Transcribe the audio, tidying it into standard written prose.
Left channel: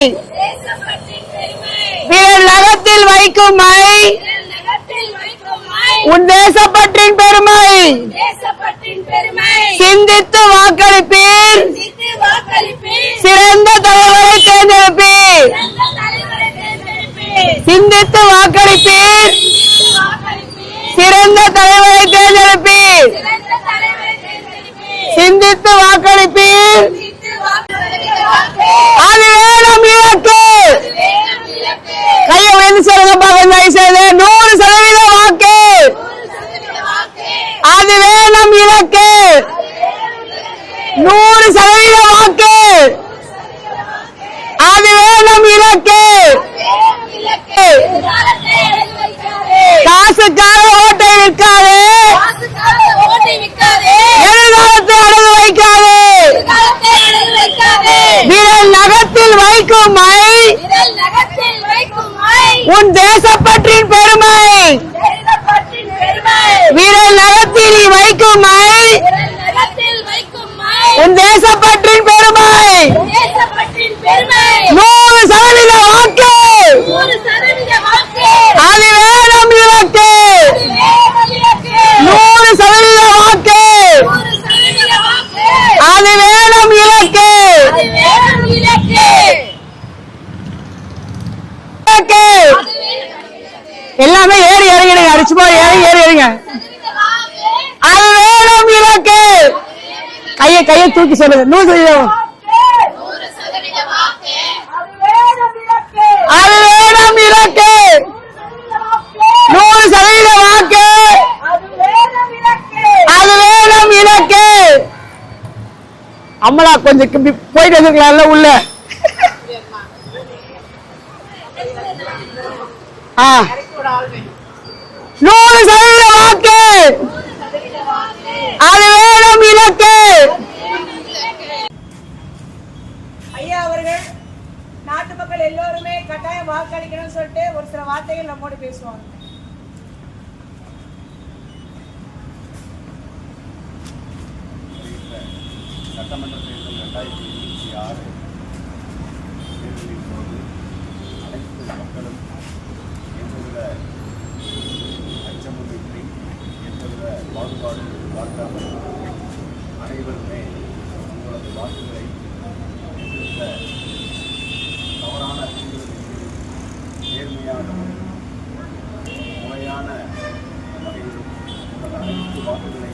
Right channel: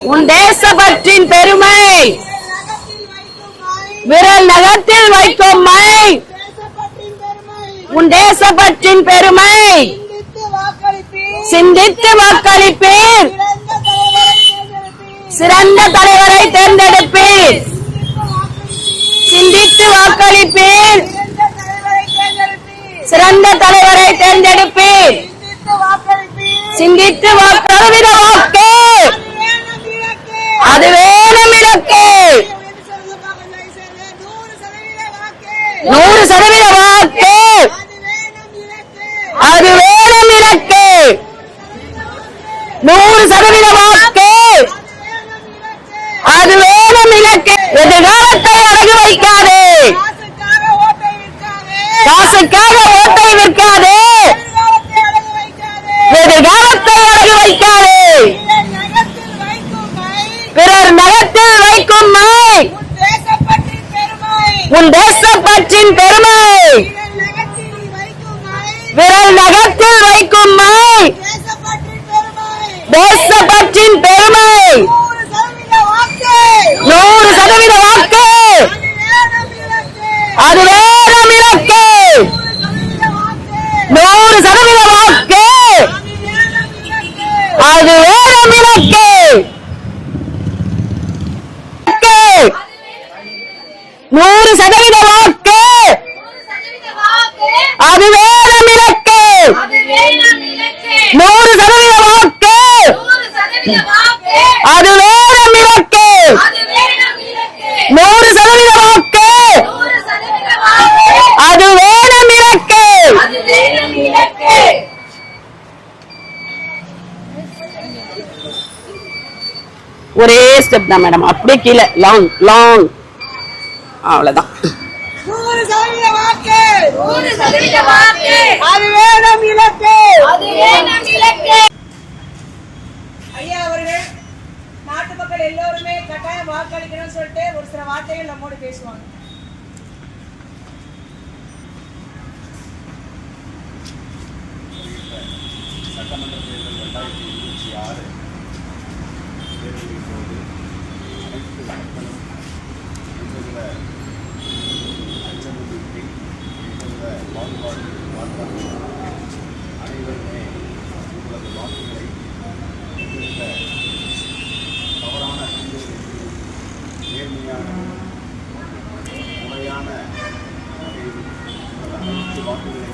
உன் தேசப்பற்றின் பெருமை விரல் நகத்தில் வைக்கும் மை விரல் நகத்தில் வைக்கும் மை உன் தேசப்பற்றின் பெருமை உன் தேசப்பற்றின் பெருமை சிந்தித்து வாக்களிப்பீர் சிந்தித்து வாக்களிப்பீர் சிறந்த தலைவரை தேர்ந்தெடுப்பீர் சிறந்த தலைவரை தேர்ந்தெடுப்பீர் சிந்தித்து வாக்களிப்பீர் சிந்தித்து வாக்களிப்பீர் சிறந்த தலைவரை தேர்ந்தெடுப்பீர் சிறந்த தலைவரை தேர்ந்தெடுப்பீர் சிந்தித்து வாக்களிப்பீர் சிந்தித்து வாக்களிப்பீர் அது வேணும் இலக்கு ஐயா வந்து சொல்லுங்க பாருங்க 100% வாக்கு 100% வாக்கு அது வேணும் இலக்கு அது வேணும் இலக்கு 100% வாக்கு 100% வாக்கு அது வேணும் இலக்கு அது வேணும் இலக்கு எதிர்காலத்தை அடகு வைக்காதே காசுக்காக ஓட்டை விற்காதே காசுக்காக ஓட்டை விற்காதே எதிர்காலத்தை அடகு வைக்காதே எதிர்காலத்தை அடகு வைக்காதே விரல் நகத்தில் வைக்கும் மை விரல் நகத்தில் வைக்கும் மை உன் தேசப்பற்றின் பெருமை உன் தேசப்பற்றின் பெருமை விரல் நகத்தில் வைக்கும் மை விரல் நகத்தில் வைக்கும் மை உன் தேசப்பற்றின் பெருமை தேசப்பற்றின் பெருமை 100% வாக்கு 100% வாக்கு அது வேணும் இலக்கு அது வேணும் இலக்கு 100% வாக்கு 100% வாக்கு அது வேணும் இலக்கு அது வேணும் இலக்கு எல்லாமே அது வேணும் இலக்கு கையை தூக்கி வாக்கு அது வேணும் இலக்கு அது வேணும் இலக்கு 100% வாக்கு 100% வாக்கு அது வேணும் இலக்கு அது வேணும் இலக்கு அம்மளா கொஞ்சம் போயிட்டு வந்துக்கலாம்ல உள்ள ஒரே ஸ்டெப் தான் மேடம் அப்படியே கீழே லாங் லாங் அவ்வளவுதான் 100% வாக்கு அது வேணும் இலக்கு ஐயா அவர்கள் நாட்டு மக்கள் எல்லோருமே கட்டாயம் வாக்களிக்கணும்னு சொல்லிட்டு ஒரு சில வார்த்தைகள் நம்மோடு பேசுவாங்க. சட்டமன்ற தேர்தல் 2026 தேர்தலின் போது அனைத்து மக்களும் எந்தவித அச்சமுமின்றி எந்தவித பாகுபாடு பார்க்காமல் அனைவருமே உங்களது வாக்குகளை எந்தவித தவறான தூண்டுதலின்றி நேர்மையான முறையான வகையில் உங்கள் அனைத்து வாக்குகளை